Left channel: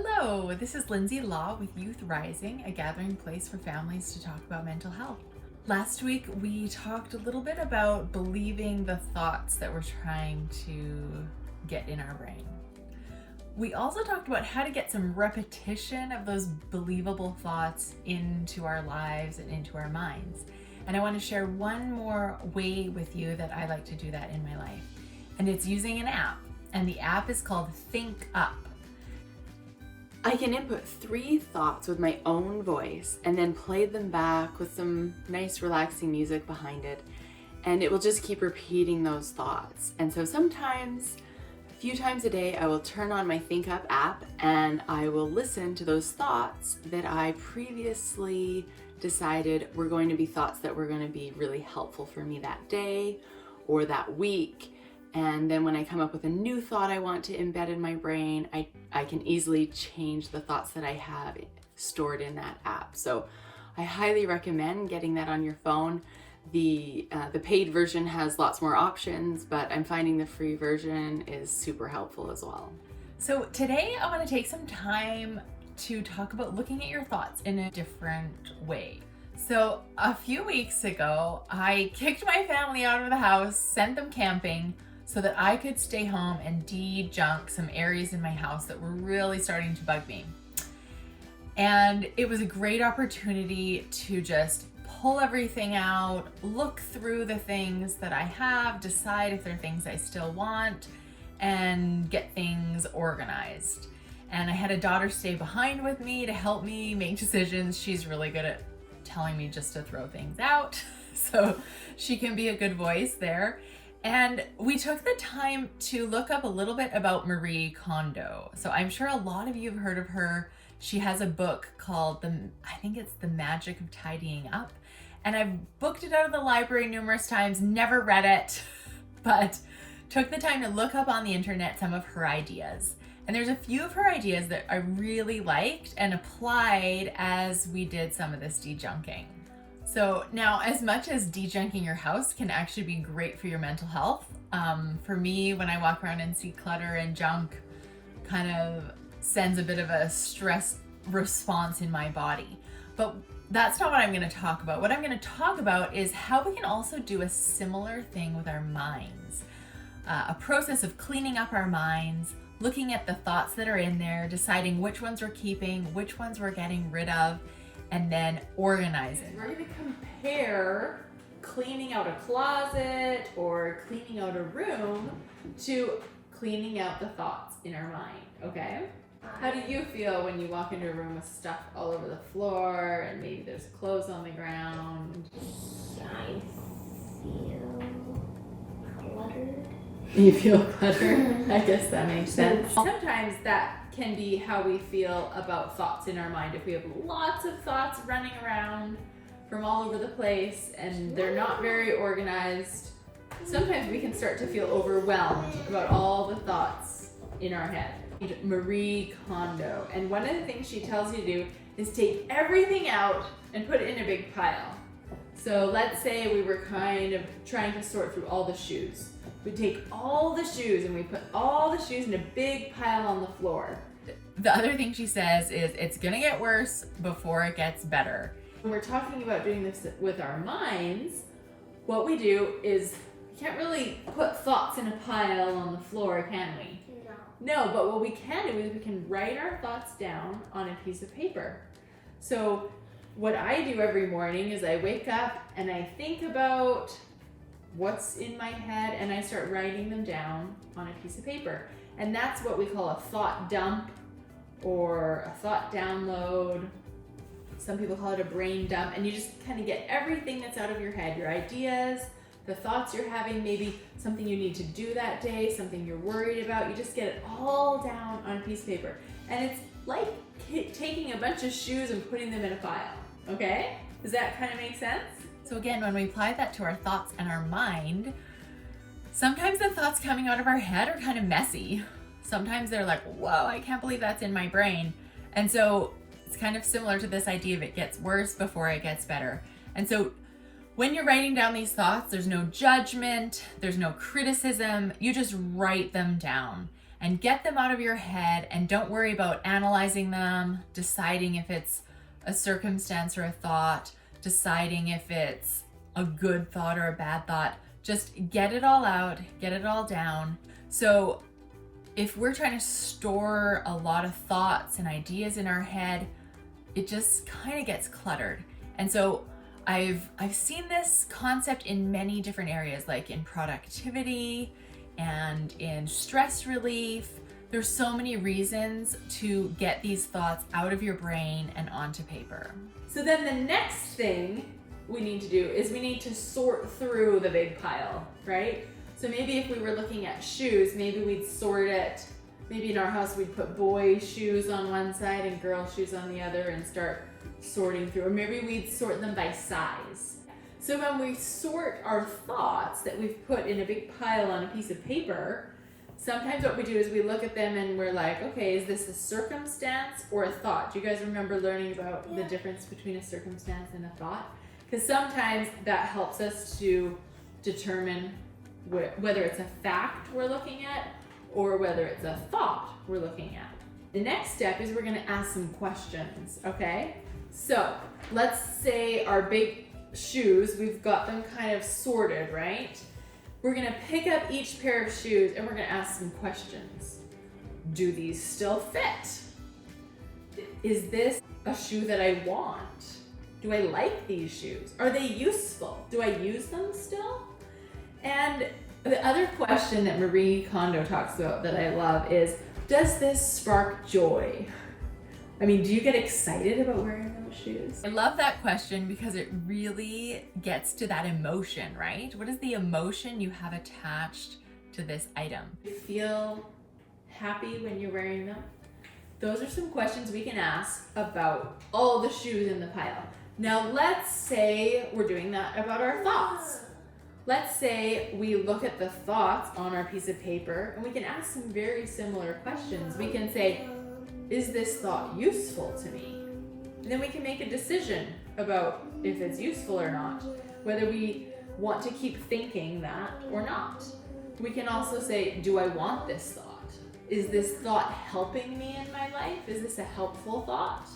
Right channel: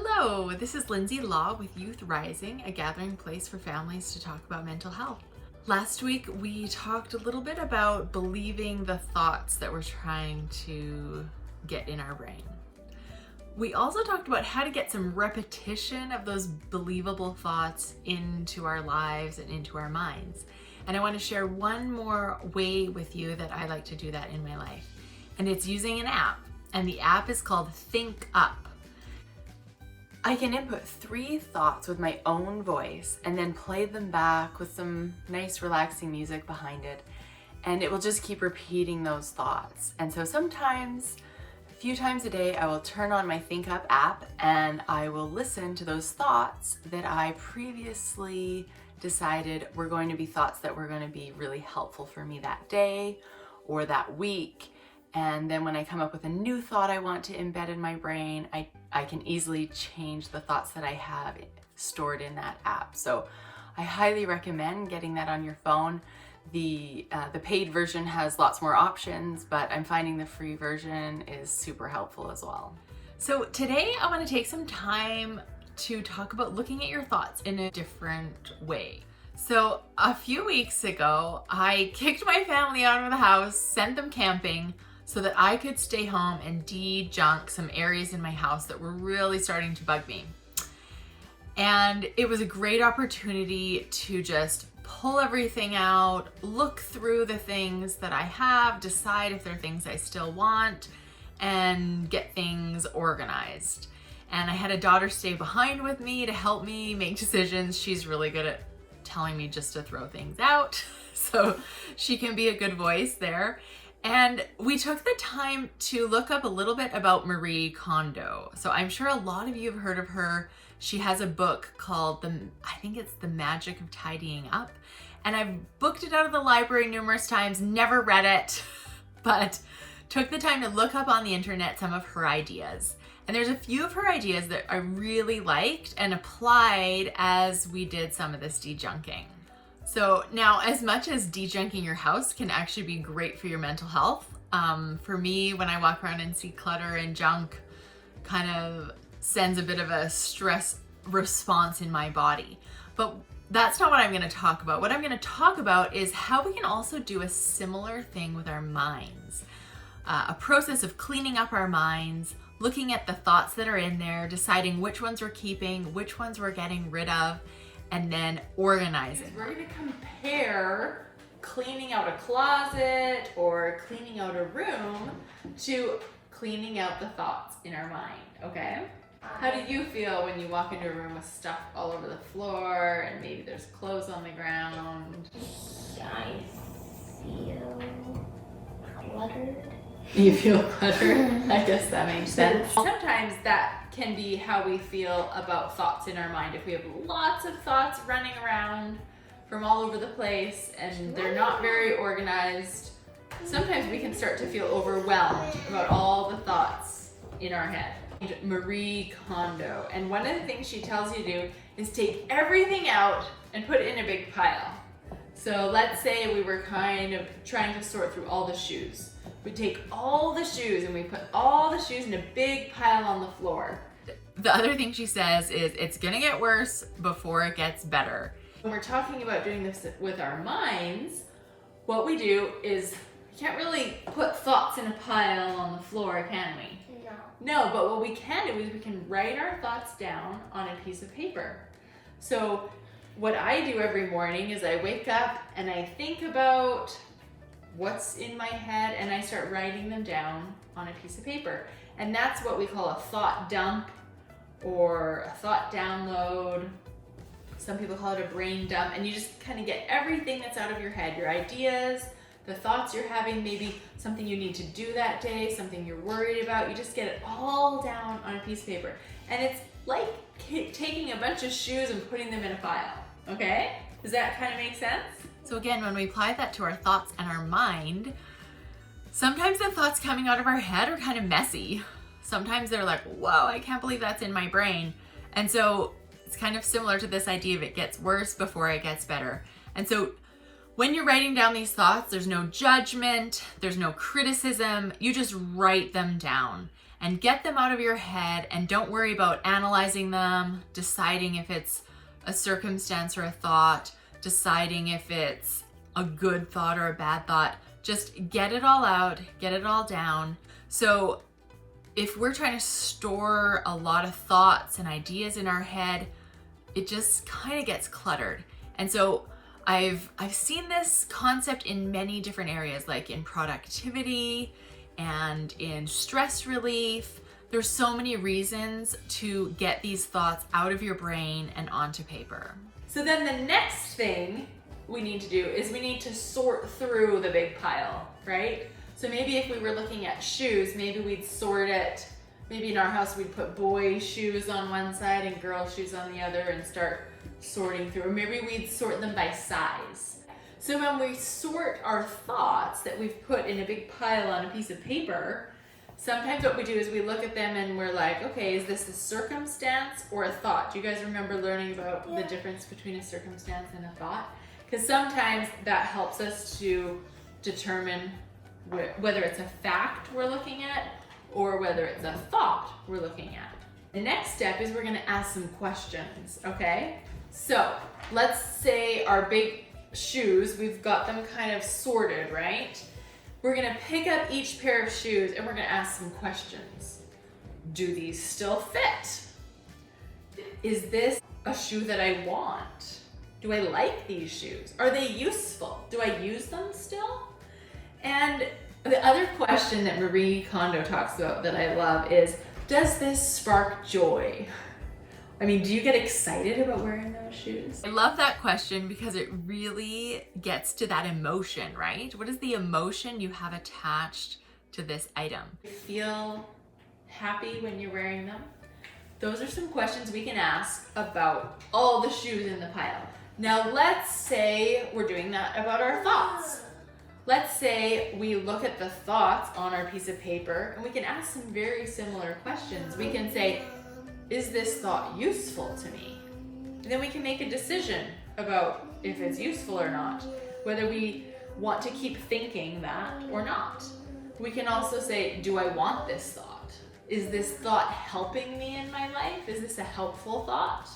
Hello, this is Lindsay Law with Youth Rising, a gathering place for families to talk about mental health. Last week we talked a little bit about believing the thoughts that we're trying to get in our brain. We also talked about how to get some repetition of those believable thoughts into our lives and into our minds. And I want to share one more way with you that I like to do that in my life. And it's using an app. And the app is called Think Up. I can input 3 thoughts with my own voice and then play them back with some nice relaxing music behind it. And it will just keep repeating those thoughts. And so sometimes, a few times a day, I will turn on my Think Up app and I will listen to those thoughts that I previously decided were going to be thoughts that were going to be really helpful for me that day or that week. And then when I come up with a new thought I want to embed in my brain, I can easily change the thoughts that I have stored in that app. So I highly recommend getting that on your phone. The paid version has lots more options, but I'm finding the free version is super helpful as well. So today I want to take some time to talk about looking at your thoughts in a different way. So a few weeks ago, I kicked my family out of the house, sent them camping, so that I could stay home and de-junk some areas in my house that were really starting to bug me. And it was a great opportunity to just pull everything out, look through the things that I have, decide if there are things I still want, and get things organized. And I had a daughter stay behind with me to help me make decisions. She's really good at telling me just to throw things out, so she can be a good voice there. And we took the time to look up a little bit about Marie Kondo. So I'm sure a lot of you have heard of her. She has a book called I think it's The Magic of Tidying Up. And I've booked it out of the library numerous times, never read it, but took the time to look up on the internet some of her ideas. And there's a few of her ideas that I really liked and applied as we did some of this de-junking. So now, as much as de-junking your house can actually be great for your mental health, for me, when I walk around and see clutter and junk, kind of sends a bit of a stress response in my body. But that's not what I'm going to talk about. What I'm going to talk about is how we can also do a similar thing with our minds. A process of cleaning up our minds, looking at the thoughts that are in there, deciding which ones we're keeping, which ones we're getting rid of, and then organizing. We're going to compare cleaning out a closet or cleaning out a room to cleaning out the thoughts in our mind, okay? How do you feel when you walk into a room with stuff all over the floor and maybe there's clothes on the ground? I feel cluttered. You feel cluttered? I guess that makes sense. Sometimes that can be how we feel about thoughts in our mind. If we have lots of thoughts running around from all over the place and they're not very organized, sometimes we can start to feel overwhelmed about all the thoughts in our head. Marie Kondo, and one of the things she tells you to do is take everything out and put it in a big pile. So let's say we were kind of trying to sort through all the shoes. We take all the shoes and we put all the shoes in a big pile on the floor. The other thing she says is it's gonna get worse before it gets better. When we're talking about doing this with our minds, what we do is we can't really put thoughts in a pile on the floor, can we? No, but what we can do is we can write our thoughts down on a piece of paper. So what I do every morning is I wake up and I think about what's in my head and I start writing them down on a piece of paper. And that's what we call a thought dump or a thought download. Some people call it a brain dump, and you just kind of get everything that's out of your head, your ideas, the thoughts you're having, maybe something you need to do that day, something you're worried about. You just get it all down on a piece of paper. And it's like taking a bunch of shoes and putting them in a pile, okay? Does that kind of make sense? So again, when we apply that to our thoughts and our mind, sometimes the thoughts coming out of our head are kind of messy. Sometimes they're like, whoa, I can't believe that's in my brain. And so it's kind of similar to this idea of it gets worse before it gets better. And so when you're writing down these thoughts, there's no judgment, there's no criticism, you just write them down. and get them out of your head, and don't worry about analyzing them, deciding if it's a circumstance or a thought, deciding if it's a good thought or a bad thought. Just get it all out, get it all down. So if we're trying to store a lot of thoughts and ideas in our head, it just kind of gets cluttered. And so I've seen this concept in many different areas, like in productivity and in stress relief. There's so many reasons to get these thoughts out of your brain and onto paper. So then the next thing we need to do is we need to sort through the big pile, right? So maybe if we were looking at shoes, maybe we'd sort it. Maybe in our house we'd put boys' shoes on one side and girls' shoes on the other and start sorting through. Or maybe we'd sort them by size. So when we sort our thoughts that we've put in a big pile on a piece of paper, sometimes what we do is we look at them and we're like, okay, is this a circumstance or a thought? Do you guys remember learning about the difference between a circumstance and a thought? Because sometimes that helps us to determine whether it's a fact we're looking at or whether it's a thought we're looking at. The next step is we're going to ask some questions, okay? So let's say our big shoes, we've got them kind of sorted, right? We're going to pick up each pair of shoes and we're going to ask some questions. Do these still fit? Is this a shoe that I want? Do I like these shoes? Are they useful? Do I use them still? And the other question that Marie Kondo talks about that I love is, does this spark joy? I mean, do you get excited about wearing those shoes? I love that question because it really gets to that emotion, right? What is the emotion you have attached to this item? You feel happy when you're wearing them? Those are some questions we can ask about all the shoes in the pile. Now let's say we're doing that about our thoughts. Let's say we look at the thoughts on our piece of paper and we can ask some very similar questions. We can say, is this thought useful to me? And then we can make a decision about if it's useful or not, whether we want to keep thinking that or not. We can also say, do I want this thought? Is this thought helping me in my life? Is this a helpful thought?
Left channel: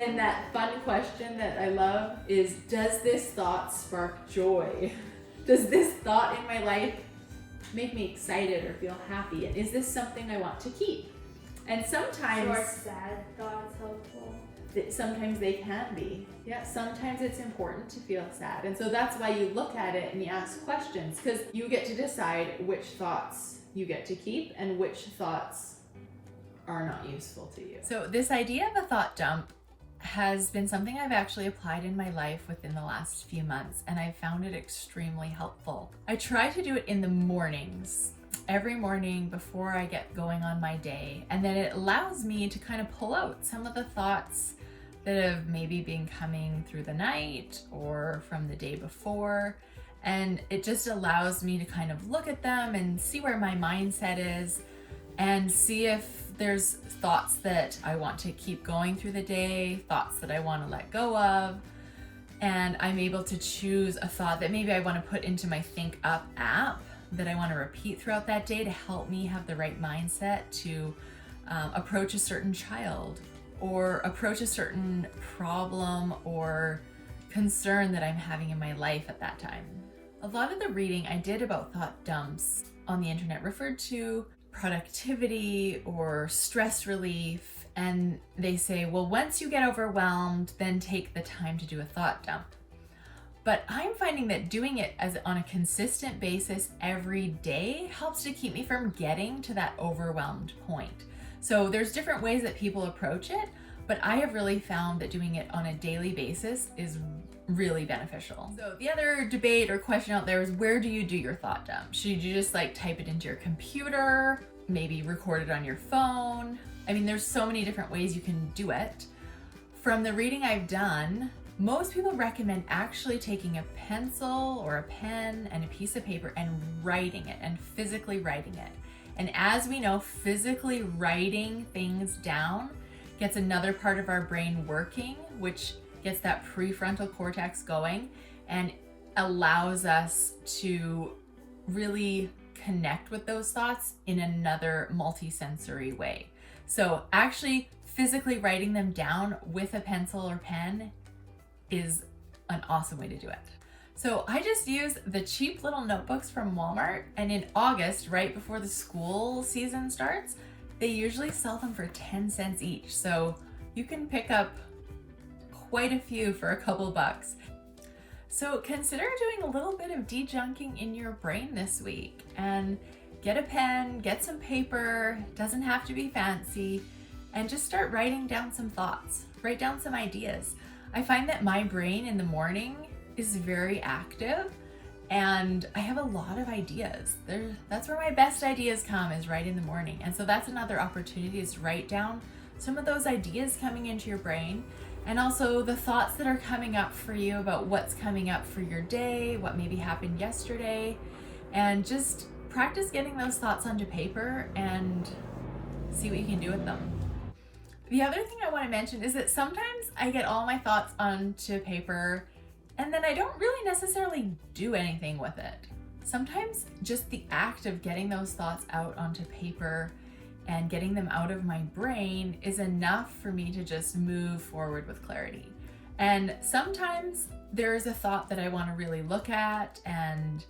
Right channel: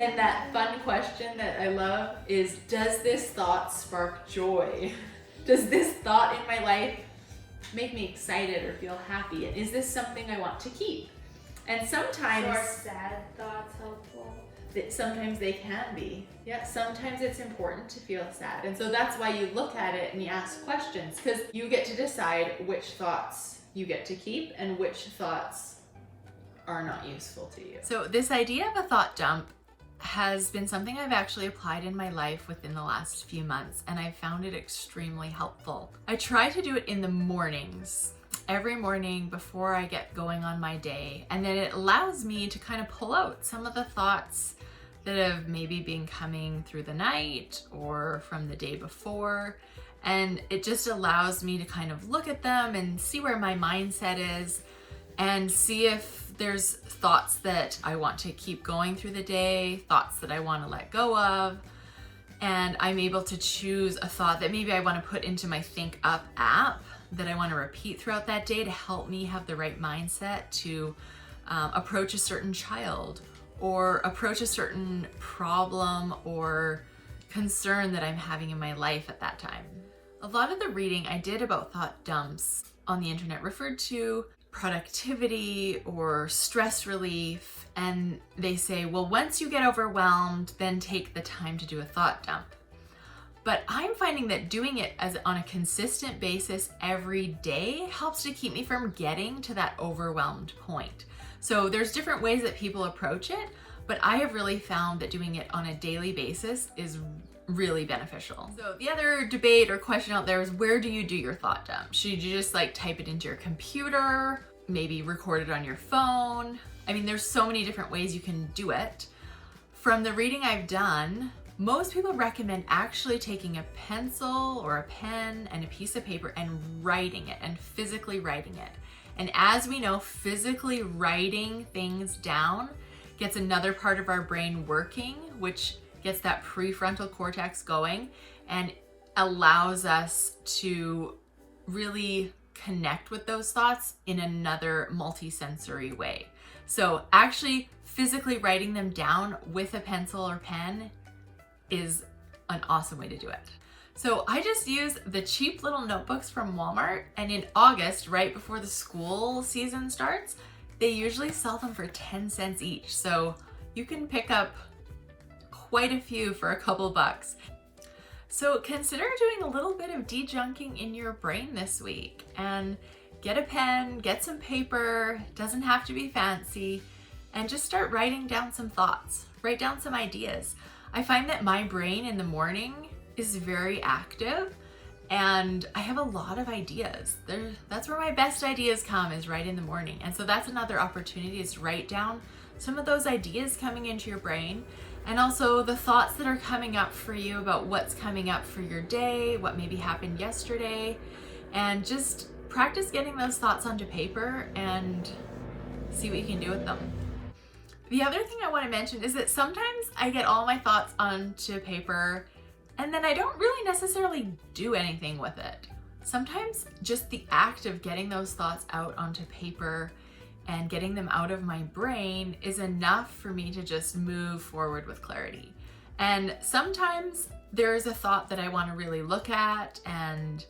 And that fun question that I love is, does this thought spark joy? Does this thought in my life make me excited or feel happy? And is this something I want to keep? And sometimes... Are sad thoughts helpful? Sometimes they can be. Yeah, sometimes it's important to feel sad. And so that's why you look at it and you ask questions, because you get to decide which thoughts you get to keep and which thoughts are not useful to you. So this idea of a thought dump has been something I've actually applied in my life within the last few months, and I've found it extremely helpful. I try to do it in the mornings, every morning before I get going on my day, and then it allows me to kind of pull out some of the thoughts that have maybe been coming through the night or from the day before, and it just allows me to kind of look at them and see where my mindset is and see if there's thoughts that I want to keep going through the day, thoughts that I want to let go of, and I'm able to choose a thought that maybe I want to put into my Think Up app that I want to repeat throughout that day to help me have the right mindset to approach a certain child or approach a certain problem or concern that I'm having in my life at that time. A lot of the reading I did about thought dumps on the internet referred to productivity or stress relief, and they say, well, once you get overwhelmed, then take the time to do a thought dump. But I'm finding that doing it on a consistent basis every day helps to keep me from getting to that overwhelmed point. So there's different ways that people approach it, but I have really found that doing it on a daily basis is really beneficial. So the other debate or question out there is, where do you do your thought dump? Should you just like type it into your computer, maybe record it on your phone? I mean, there's so many different ways you can do it. From the reading I've done, most people recommend actually taking a pencil or a pen and a piece of paper and writing it and physically writing it. And as we know, physically writing things down gets another part of our brain working, which gets that prefrontal cortex going and allows us to really connect with those thoughts in another multi-sensory way. So actually physically writing them down with a pencil or pen is an awesome way to do it. So I just use the cheap little notebooks from Walmart, and in August, right before the school season starts, they usually sell them for 10 cents each. So you can pick up quite a few for a couple bucks. So consider doing a little bit of de-junking in your brain this week, and get a pen, get some paper, doesn't have to be fancy, and just start writing down some thoughts, write down some ideas. I find that my brain in the morning is very active and I have a lot of ideas. That's where my best ideas come, is right in the morning. And so that's another opportunity, is write down some of those ideas coming into your brain, and also the thoughts that are coming up for you about what's coming up for your day, what maybe happened yesterday, and just practice getting those thoughts onto paper and see what you can do with them. The other thing I want to mention is that sometimes I get all my thoughts onto paper and then I don't really necessarily do anything with it. Sometimes just the act of getting those thoughts out onto paper and getting them out of my brain is enough for me to just move forward with clarity. And sometimes there's a thought that I want to really look at and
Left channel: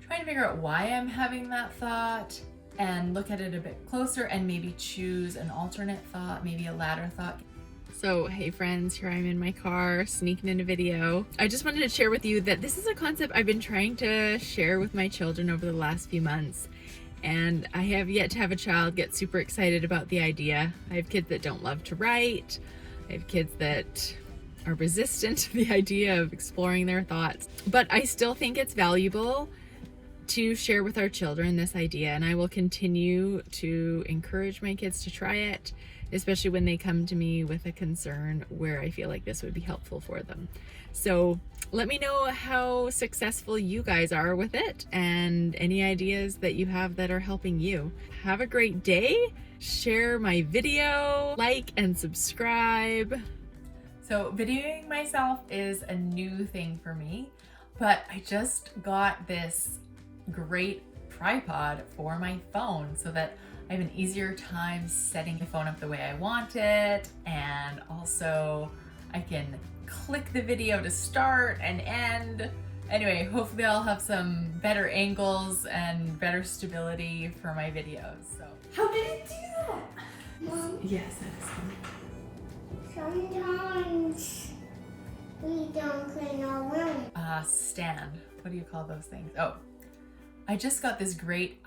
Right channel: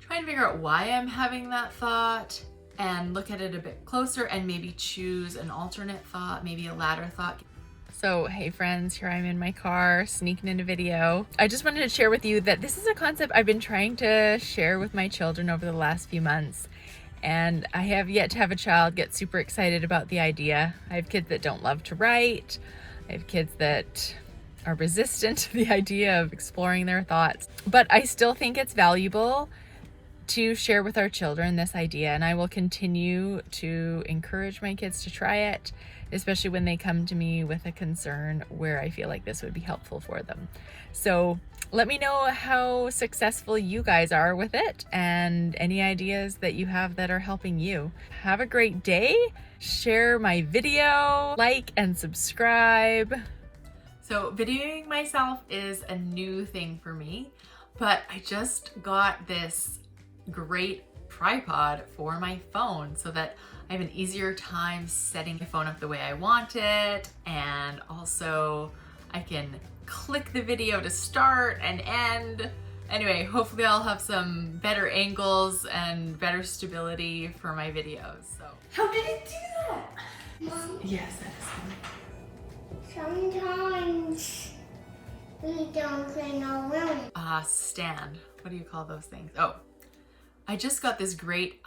try and figure out why I'm having that thought, and look at it a bit closer and maybe choose an alternate thought, maybe a ladder thought. So hey friends, here I'm in my car sneaking in a video. I just wanted to share with you that this is a concept I've been trying to share with my children over the last few months, and I have yet to have a child get super excited about the idea. I have kids that don't love to write. I have kids that are resistant to the idea of exploring their thoughts, but I still think it's valuable to share with our children this idea, and I will continue to encourage my kids to try it, especially when they come to me with a concern where I feel like this would be helpful for them. So let me know how successful you guys are with it, and any ideas that you have that are helping you. Have a great day. Share my video, like and subscribe. So videoing myself is a new thing for me, but I just got this great tripod for my phone so that I have an easier time setting the phone up the way I want it, and also I can click the video to start and end. Anyway, hopefully I'll have some better angles and better stability for my videos. So How did it do that? Mom, yes, that is sometimes we don't clean our room. fun. Stand. What do you call those things? Oh, I just got this great